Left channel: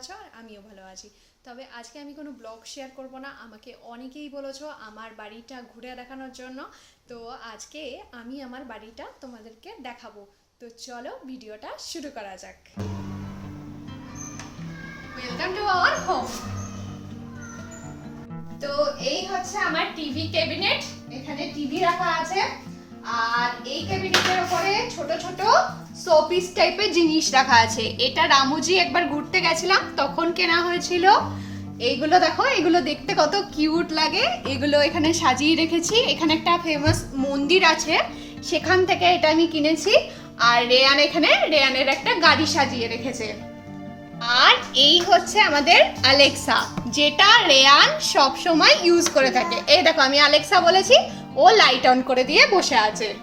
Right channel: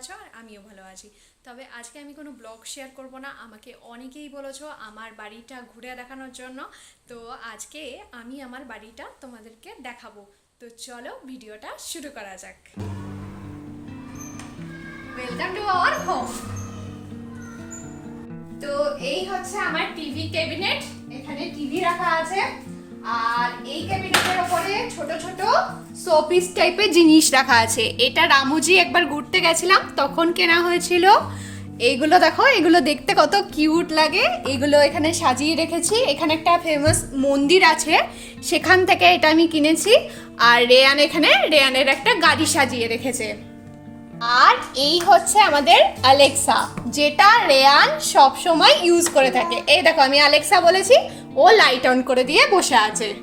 আছো আর আমিও ভালো আছি। তবে আজকে আমি কোনো ব্লগ শেয়ার করব না। আমাকে অনেকেই বলেছ আমার বাড়িটা ঘুরে দেখানোর জন্য। তো আজকে আমি আমার বাড়িটা তোমাদেরকে দেখাবো। তো চলো ভিডিওটা শুরু করা যাক। ওয়েলকাম টু আওয়ার হোম তো এই হচ্ছে আমার টিভি ক্যাবিনেট এখানে টিভি রাখা আছে। আর এই ক্যাবিনেটের উপরে ছোট ছোট শোপিস টাইপের জিনিস রাখা আছে। এটা রামুজি একবার ঘুরতে গেছিলাম, তখন কেনা হয়েছিল। এইগুলো দেখো, এগুলো দেখতে কত কিউট লাগে। এগুলো এখানে সাজিয়ে রেখেছি। এখানে একটা ফেমাস মন্দির আছে, সেখান থেকে এটা আমি কিনেছি। আর রেয়ান এখানে, রেয়ানের একটা গাড়ি সাজিয়ে রেখেছে। আর এই হচ্ছে আমাদের আলেক্সা যেটা রেয়ান সব সময় ইউজ করে থাকে। এই দেখো, আমি আলেক্সা বলেছি, ও লাইট অন করে দিয়ে বসে আছে।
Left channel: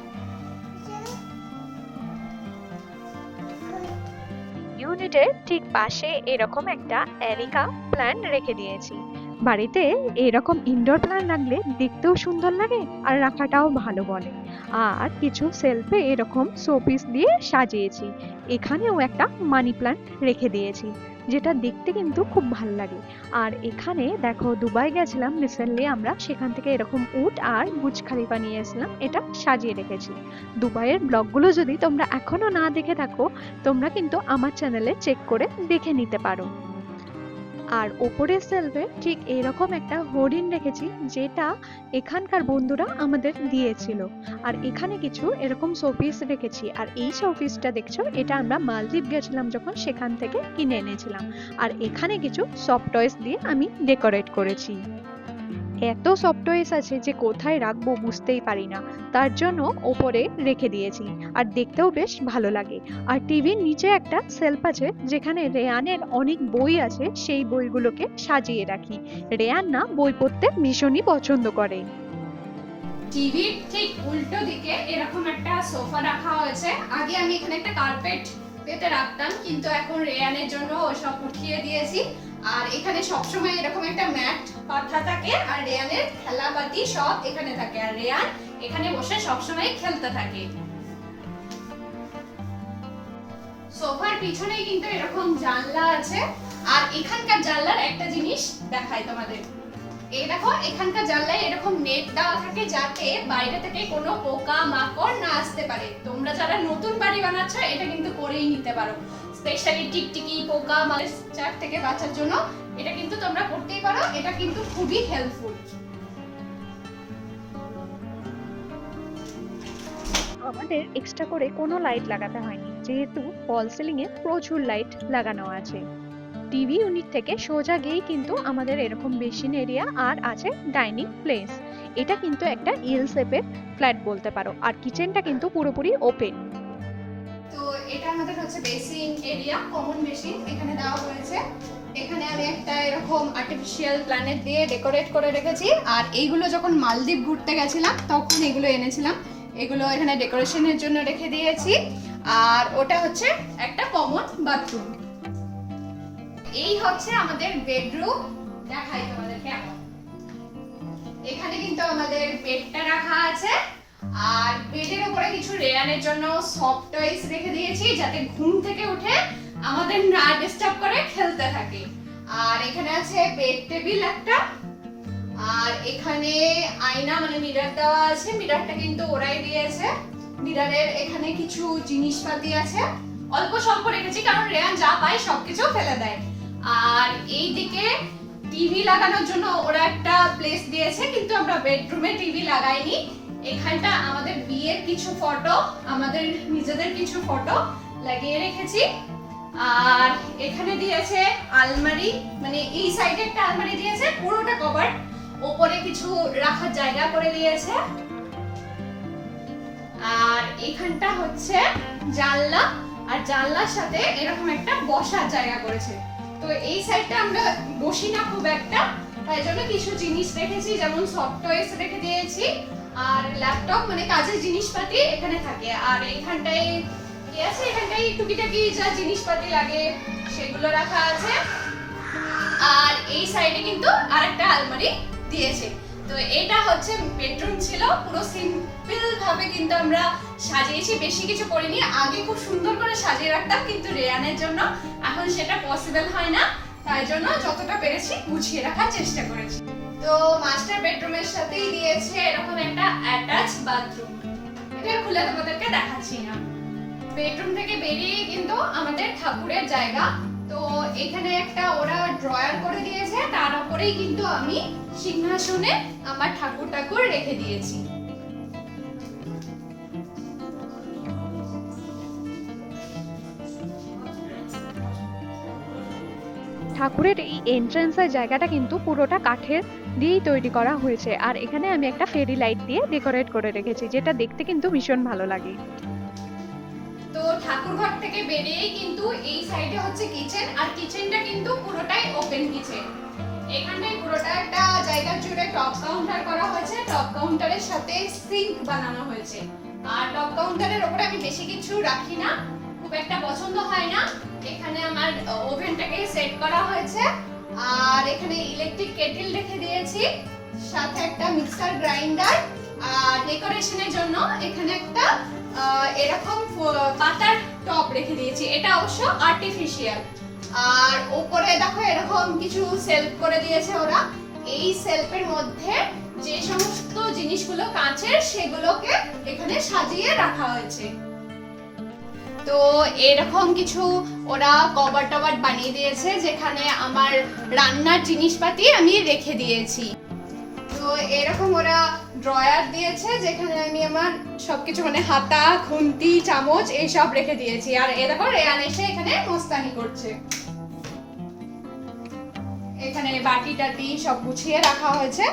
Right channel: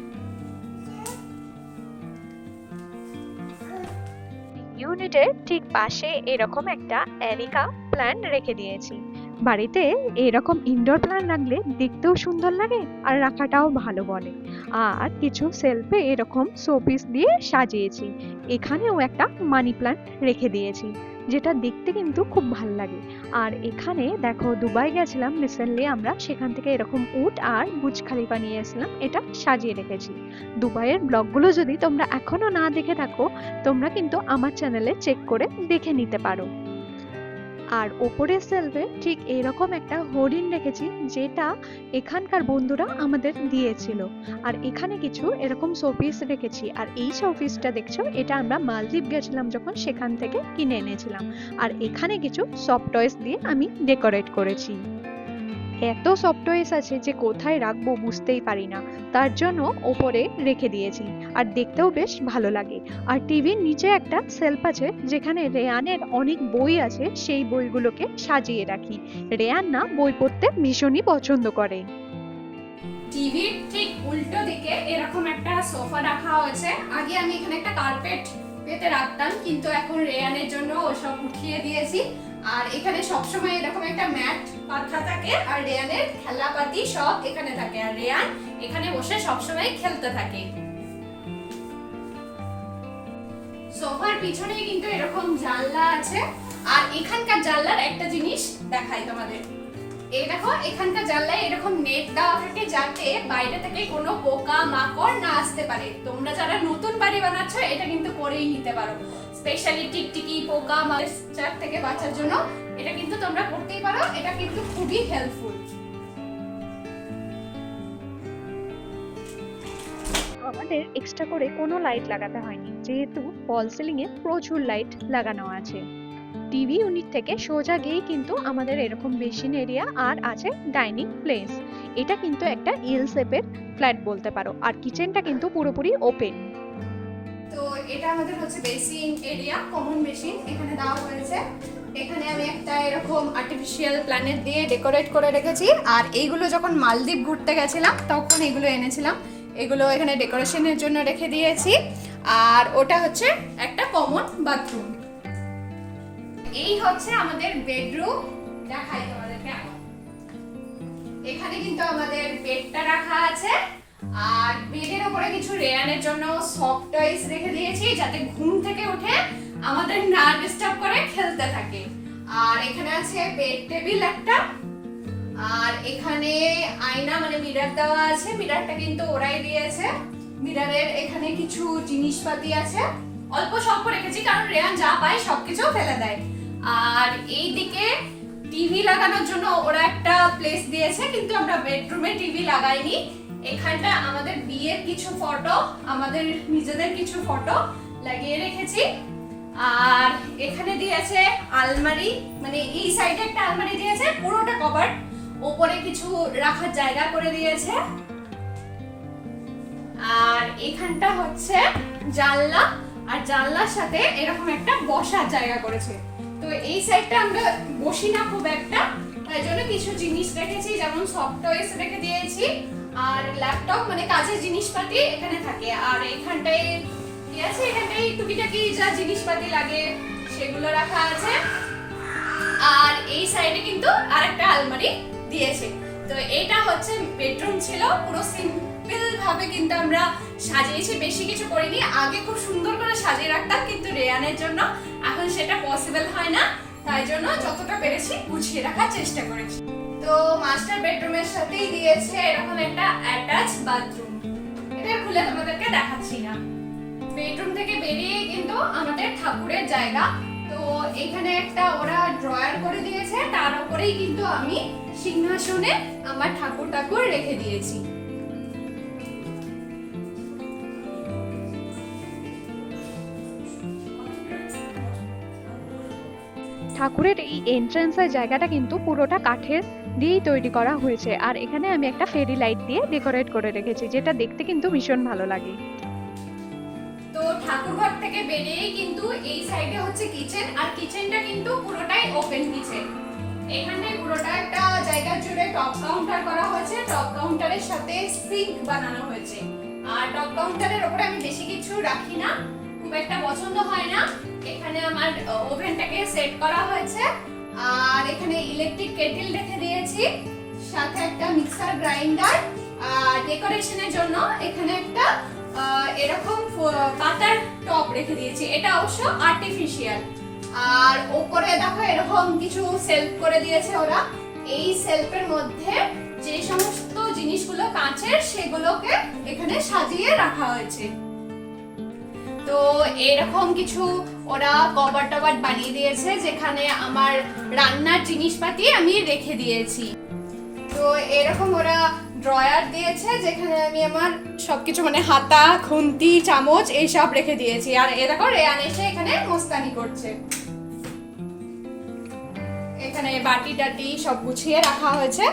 ইউনিটের ঠিক পাশে এরকম একটা এরিকা প্ল্যান্ট রেখে দিয়েছি। বাড়িতে এরকম ইনডোর প্ল্যান্ট রাখলে দেখতেও সুন্দর লাগে আর রাখাটাও ভালো বলে। আর কিছু সেলফে এরকম শোপিস দিয়ে সাজিয়েছি। এখানেও একটা মানি প্ল্যান্ট রেখে দিয়েছি, যেটা দেখতে কিন্তু খুব ভালো লাগে। আর এখানে দেখো দুবাই গেছিলাম রিসেন্টলি আমরা, সেখান থেকে এরকম উট আর বুজ খালিফা নিয়ে এসেছিলাম, এটা সাজিয়ে রেখেছি। দুবাইয়ের ব্লগগুলো যদি তোমরা এখনও না দেখে থাকো, তোমরা কিন্তু আমার চ্যানেলে চেক করে দেখে নিতে পারো। আর ওপরের সেলফে ঠিক এরকম একটা হরিণ রেখেছি, যেটা এখানকার বন্ধুরা আমাদের দিয়েছিল। আর এখানে কিছু এরকম শোপিস রেখেছি। আর এই শোপিসটা দেখছ, এটা আমরা মালদ্বীপ গেছিলাম যখন সেখান থেকে কিনে এনেছিলাম। আর এখানে কিছু সফট টয়েস দিয়ে আমি ডেকোরেট করেছি। এত সফট টয়েস আছে যে কোথায় রাখব বুঝতেই পারি না। তার জন্য ওপরে রেখে দিয়েছি, আর দেখতেও বেশ ভালো লাগে। আর টিভির নিচে একটা সেলফ আছে, যেখানে রেয়ানের অনেক বই আছে, সেই বইগুলোকে সাজিয়ে রাখি। রেয়ান না, বই পড়তে ভীষণই পছন্দ করে। টিভির ঠিক উল্টো দিকে এরকম একটা সোফা রাখা হয়েছে। আগে আমি এখানে একটা কার্পেট পেতে রাখতাম, কিন্তু এখন রেয়ানের জন্য ওসব উঠিয়ে দিয়েছি। আর এখানে সবসময় এরকম একটা ম্যাট পাতা থাকে, আর রেয়ানের খেলাপাতি সব এখানে থাকে। আর রেয়ান এখানে বসে সবসময় খেলতে থাকে। সোফার পিছনেই কিন্তু এরকম জানলা আছে। আর এখানকার জানলার একটা জিনিস দেখাই তোমাদের। এই দেখো, এখানকার জানলায় এরকম নেট দেওয়া থাকে যাতে বাইরে থেকে কোনো পোকা মাকড় না আসতে পারে। তোমরা যারা নতুন বাড়ি বানাচ্ছ, এটা কিন্তু করেই নিতে পারো। স্পেশালি টিকটিকি, পোকা মাছার থেকে বাঁচার জন্য এটা কিন্তু তোমরা করতেই পারো। এটা কিন্তু খুবই হেল্পফুল আমাদের এক্সট্রা করে কোনো লাইট লাগাতে হয়নি। যেহেতু ফল সিলিং এ প্রচুর লাইট লাগানো আছে। টিভি ইউনিট থেকে সোজা গিয়েই কিন্তু আমাদের এরকম বেসিন এরিয়া আর আছে ডাইনিং প্লেস এটা কিন্তু একটা এল শেপের ফ্ল্যাট বলতে পারো। আর কিচেনটা কিন্তু পুরোপুরি ওপেন তো এটা আমাদের হচ্ছে বেসিন এরিয়া কমন বেসিন এখানে দেওয়া হয়েছে। এখানে আমি একটা এরকম আর্টিফিশিয়াল প্ল্যানেট দিয়ে ডেকোরেট করে রেখেছি। আর এইগুলো যখন মালদ্বীপ ঘুরতে গেছিলাম, তখন এগুলো এনেছিলাম। এগুলো এখানে ডেকোরেশনের জন্য রেখে দিয়েছি। আর ওটা হচ্ছে একটা কমন বাথরুম এই হচ্ছে আমাদের বেডরুম দেখাই তোমাদের কেমন এখানে কিন্তু আমাদের বেডটা রাখা আছে। আর বেডের উপরে কিছু রেয়ানের জন্য সফট টয়েস রেখে দিয়েছি, যাতে ঘুম থেকে উঠে আমাদের না ডিস্টার্ব করে খেলতে থাকে। আর এখানে আছে বেড টেবিল একটা। আর এখানে আয়না মানে মিরর দেওয়া আছে। মিররটা কিন্তু ওরাই দিয়েছে। মিররের এখানে কিছু জিনিসপাতি আছে। অল্প স্বল্প রেখেছি, কারণ রেয়ান যা পায় সবকিছু ফেলে দেয়। আর এই দিকে টিভি লাগানোর জন্য ওরা একটা প্লেস দিয়েছে, কিন্তু আমরা বেডরুমে টিভি লাগাইনি। এখানটা আমাদের বিয়ের কিছু ফটো আমাদের নিজেদের কিছু ফটো লাগিয়ে রেখেছি। আর এখানে দিয়েছে আলমারি মানে এই সাইডে একটা আলমারি দিয়েছে, পুরোটা কভার ওপরে কিছু রাখার জায়গা করে দিয়েছে। আর এখানটা হচ্ছে জানলা, আর জানলার সাথে এরকম একটা বসার জায়গা করেছে। তো এই সাইডটা আমরা বসি না খুব একটা, তাই জন্য কিছু জিনিস রেখেছি, যেমন সফট টয়েস রেখে দিয়েছি। আর ল্যাপটপ মানে কাজের জিনিসপাতি এখানে থাকে। আর এখানটায় কি আছে? এখানটায় টুকিটাকি যা জিনিসপাতি লাগে, সেগুলো রাখা আছে। আর এই সাইডে কিন্তু আরেকটা আলমারি দিয়েছে। তো এটা হচ্ছে বেডরুম ছিল। পুরো সিম্পল ভাবে কিন্তু আমরা সাজিয়েছি। বেশি কিছু করিনি। আগে খুব সুন্দর করে সাজিয়ে রাখতাম কিন্তু রেয়ানের জন্য। এখন সেটা পসিবল হয় না। তাই জন্য যতটা পেরেছি গুছিয়ে রাখার চেষ্টা করেছি। তো মাস্টার বেডরুমের সাথেই দিয়েছে এরকম একটা অ্যাটাচ বাথরুম এটা খুলে তোমাদেরকে দেখাচ্ছি না। বেডরুম থেকে বেরিয়ে কিন্তু আমাদের ঠাকুরের জায়গা। তো এখানে একটা ওরা ড্রয়ার করে দিয়েছে, তার উপরেই কিন্তু আমি সিংহাসনে আমার ঠাকুর ঠাকুর রেখে দিয়েছি। ঠাকুরের এই এন্ট্রান্সের জায়গাটা কিন্তু পুরোটা কাঠের দিয়েই তৈরি করা হয়েছে। আর এখানে আমি একটা ফেরি লাইট দিয়ে ডেকোরেট করে রেখেছি, যেটা দেখতে কিন্তু ভীষণ ভালো লাগে। তো ঠাকুর ঘর থেকে বেরিয়েই কিন্তু এই সাইডে হচ্ছে কিচেন আর কিচেনটা কিন্তু পুরোটাই ওপেন কিচেন এখানে পুরোটা একটা জায়গা জুড়ে টপ কাউন্টার করা হয়েছে। টপ কাউন্টারের সাথে সিঙ্ক বানানো হয়েছে। আর টপ কাউন্টারের আমি বেশি কিছু রাখি না। খুব একটা পছন্দ হয় না। এখানে আমার ওভেনটাকে সেট করা হয়েছে। আর এখানে ইলেকট্রিক কেটেল রেখে দিয়েছি, সাথে একটা মিক্সার গ্রাইন্ডার আর ডেকোরেশনের জন্য এখানে একটা এরকম পাতার টপ রেখে দিয়েছি। এটা অবশ্য আর্টিফিশিয়াল আর ওপরে দেখো এরকম কিছু সেলফ করে দিয়েছে ওরা। এই সেলফের মধ্যে যে সমস্ত জিনিসগুলো কাঁচের, সেগুলোকে এখানে সাজিয়ে রাখা হয়েছে। তো এরকম কিছু ওরা কভার টভার বানিয়ে দিয়েছে, যেখানে আমার রান্নার জিনিসপাতি আমি রেখে দিয়েছি। তো এরকম ওরা ড্রয়ার দিয়েছে, যেখানে আমি আমার সবকিছু মানে হাতা, খুন্তি, চামচ এইসব রেখে দিয়েছি। আর এ দেখো, রেয়ান এসে এখানে মোস্তানি করছে। এখানে বাটি টাটি সব গুছিয়ে রাখা হয়েছে।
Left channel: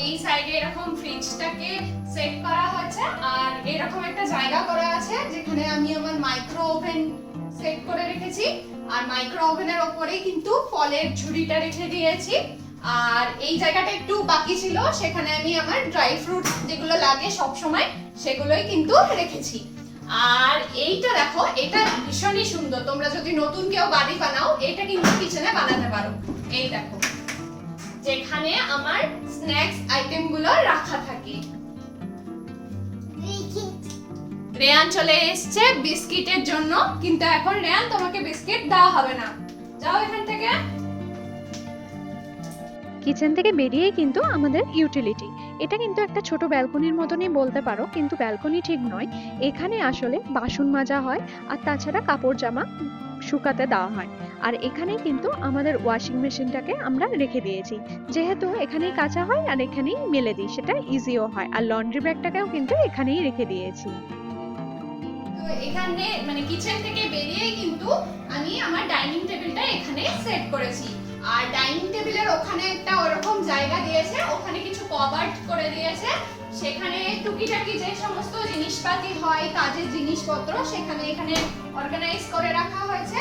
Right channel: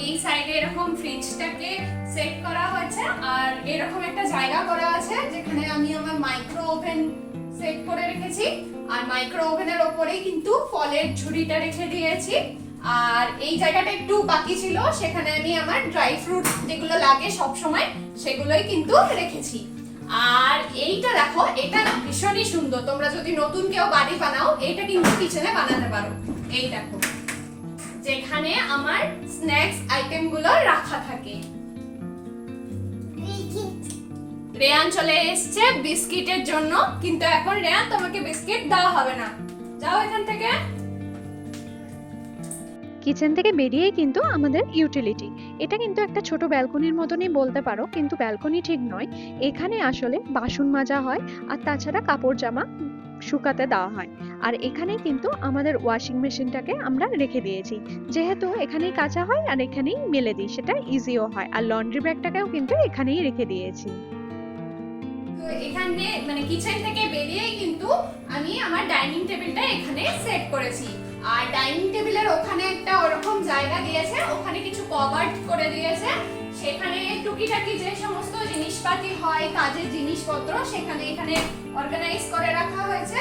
এই সাইডে এরকম ফ্রিজটাকে সেট করা হয়েছে আর এরকম একটা জায়গা করা আছে যেখানে আমি আমার মাইক্রো ওভেন সেট করে রেখেছি। আর মাইক্রো ওভেনের ওপরেই কিন্তু ফলের ঝুড়িটা রেখে দিয়েছি। আর এই জায়গাটা একটু বাকি ছিল, সেখানে আমি আমার ড্রাই ফ্রুট যেগুলো লাগে সব সময় সেগুলোই কিন্তু রেখেছি। আর এইটা দেখো, এটা ভীষণই সুন্দর। তোমরা যদি নতুন কেউ বাড়ি বানাও, এটা কিন্তু কিচেনে বানাতে পারো। এই দেখো। যেখানে আমার স্ন্যাক্স আইটেমগুলো রাখা থাকে। রেয়ান চলে এসছে বিস্কিটের জন্য, কিন্তু এখন রেয়ান তোমাকে বিস্কিট দেওয়া হবে না। যাও এখান থেকে। কিচেন থেকে বেরিয়েই কিন্তু আমাদের ইউটিলিটি এটা কিন্তু একটা ছোট ব্যালকনির মতনই বলতে পারো, কিন্তু ব্যালকনি ঠিক নয়। এখানে আসলে বাসন মাজা হয়, আর তাছাড়া কাপড় জামা শুকাতে দেওয়া হয়। আর এখানেই কিন্তু আমাদের ওয়াশিং মেশিনটাকে আমরা রেখে দিয়েছি। যেহেতু এখানেই কাঁচা হয় আর এখানেই মেলে দিই, সেটা ইজিও হয়। আর লন্ড্রি ব্যাগটাকেও কিন্তু এখানেই রেখে দিয়েছি। এখানে মানে কিচেন থেকে বেরিয়েই কিন্তু আমি আমার ডাইনিং টেবিলটা এখানে সেট করেছি। আর ডাইনিং টেবিলের ওখানে একটা ওরকম জায়গা দিয়েছে, ওখানে কিছু কভার করে দিয়েছে। সেখানে টুকিটাকি যে সমস্ত জিনিসপাতি হয়, কাজের জিনিসপত্র, সেখানে এখানে অর্গানাইজ করে রাখা হয়েছে।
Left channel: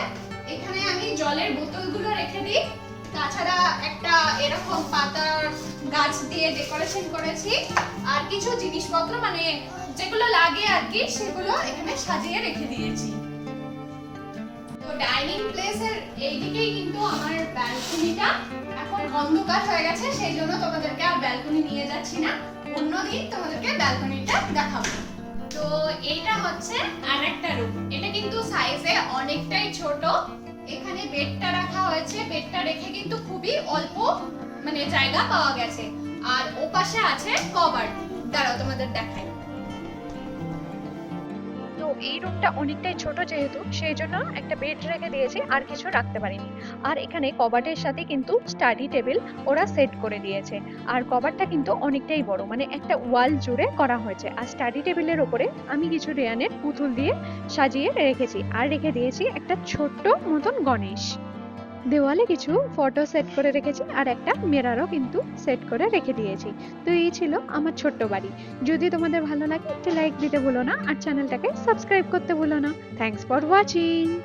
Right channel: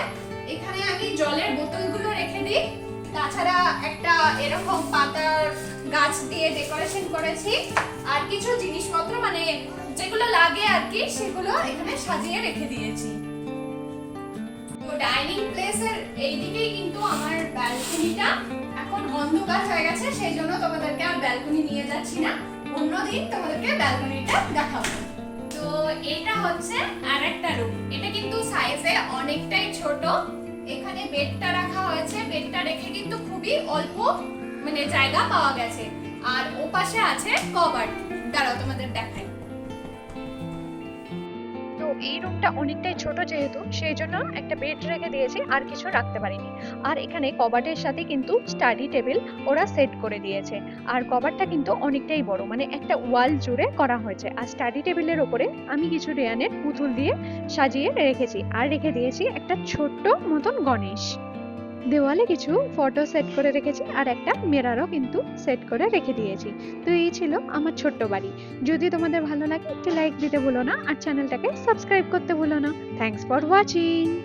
এখানে আমি জলের বোতলগুলো রেখে দিই। তাছাড়া একটা এরকম পাতার গাছ দিয়ে ডেকোরেশন করেছি। আর কিছু জিনিসপত্র মানে যেগুলো লাগে আর কি, সেগুলো এখানে সাজিয়ে রেখে দিয়েছি। ডাইনিং প্লেসের এইদিকেই কিন্তু আমার ব্যালকনিটা এখন অন্ধকার হয়ে গেছে, সেই জন্য তোমাদেরকে আর ব্যালকনি নিয়ে যাচ্ছি না। অন্যদিন তোমাদেরকে ব্যালকনিটা দেখাবো। তো এটা হচ্ছে আর একটা রুম এটা কিন্তু সাইজে অনেকটাই ছোট। এখানে বেডটা রাখা হয়েছে। বেডটা রেখে কিন্তু খুবই অল্প মানে জায়গা পাওয়া গেছে। আর ওপাশে আছে কভার দাঁড়াও তোমাদের দেখাই। এই রুমটা অনেকটাই ছোট যেহেতু, সেই জন্য একটা বেড রেখে দিয়েছি, আর কিছু রাখতে পারিনি। আর এখানে কবাটের সাথে কিন্তু স্টাডি টেবিল ওরা সেট করে দিয়েছে। আর কভারটা কিন্তু অনেকটাই বড় মানে একটা ওয়াল জুড়ে করা হয়েছে। আর স্টাডি টেবিলের ওপরে আমি কিছু রেয়ানের পুতুল দিয়ে সাজিয়ে রেখেছি। আর রেখে দিয়েছি একটা ছোট্ট মতন গণেশ। দেওয়ালে কিছু ফটো সেট করে রেখেছি আর একটা মিরারও কিন্তু সেট করে রেখে দিয়েছি। তো এই ছিল আমার ছোট্ট বাড়ি। যদি তোমাদের ভালো লাগে একটু লাইক দিতে ভুলো না আর চ্যানেলটাকে সাবস্ক্রাইব করতে ভুলো না। Thanks for watching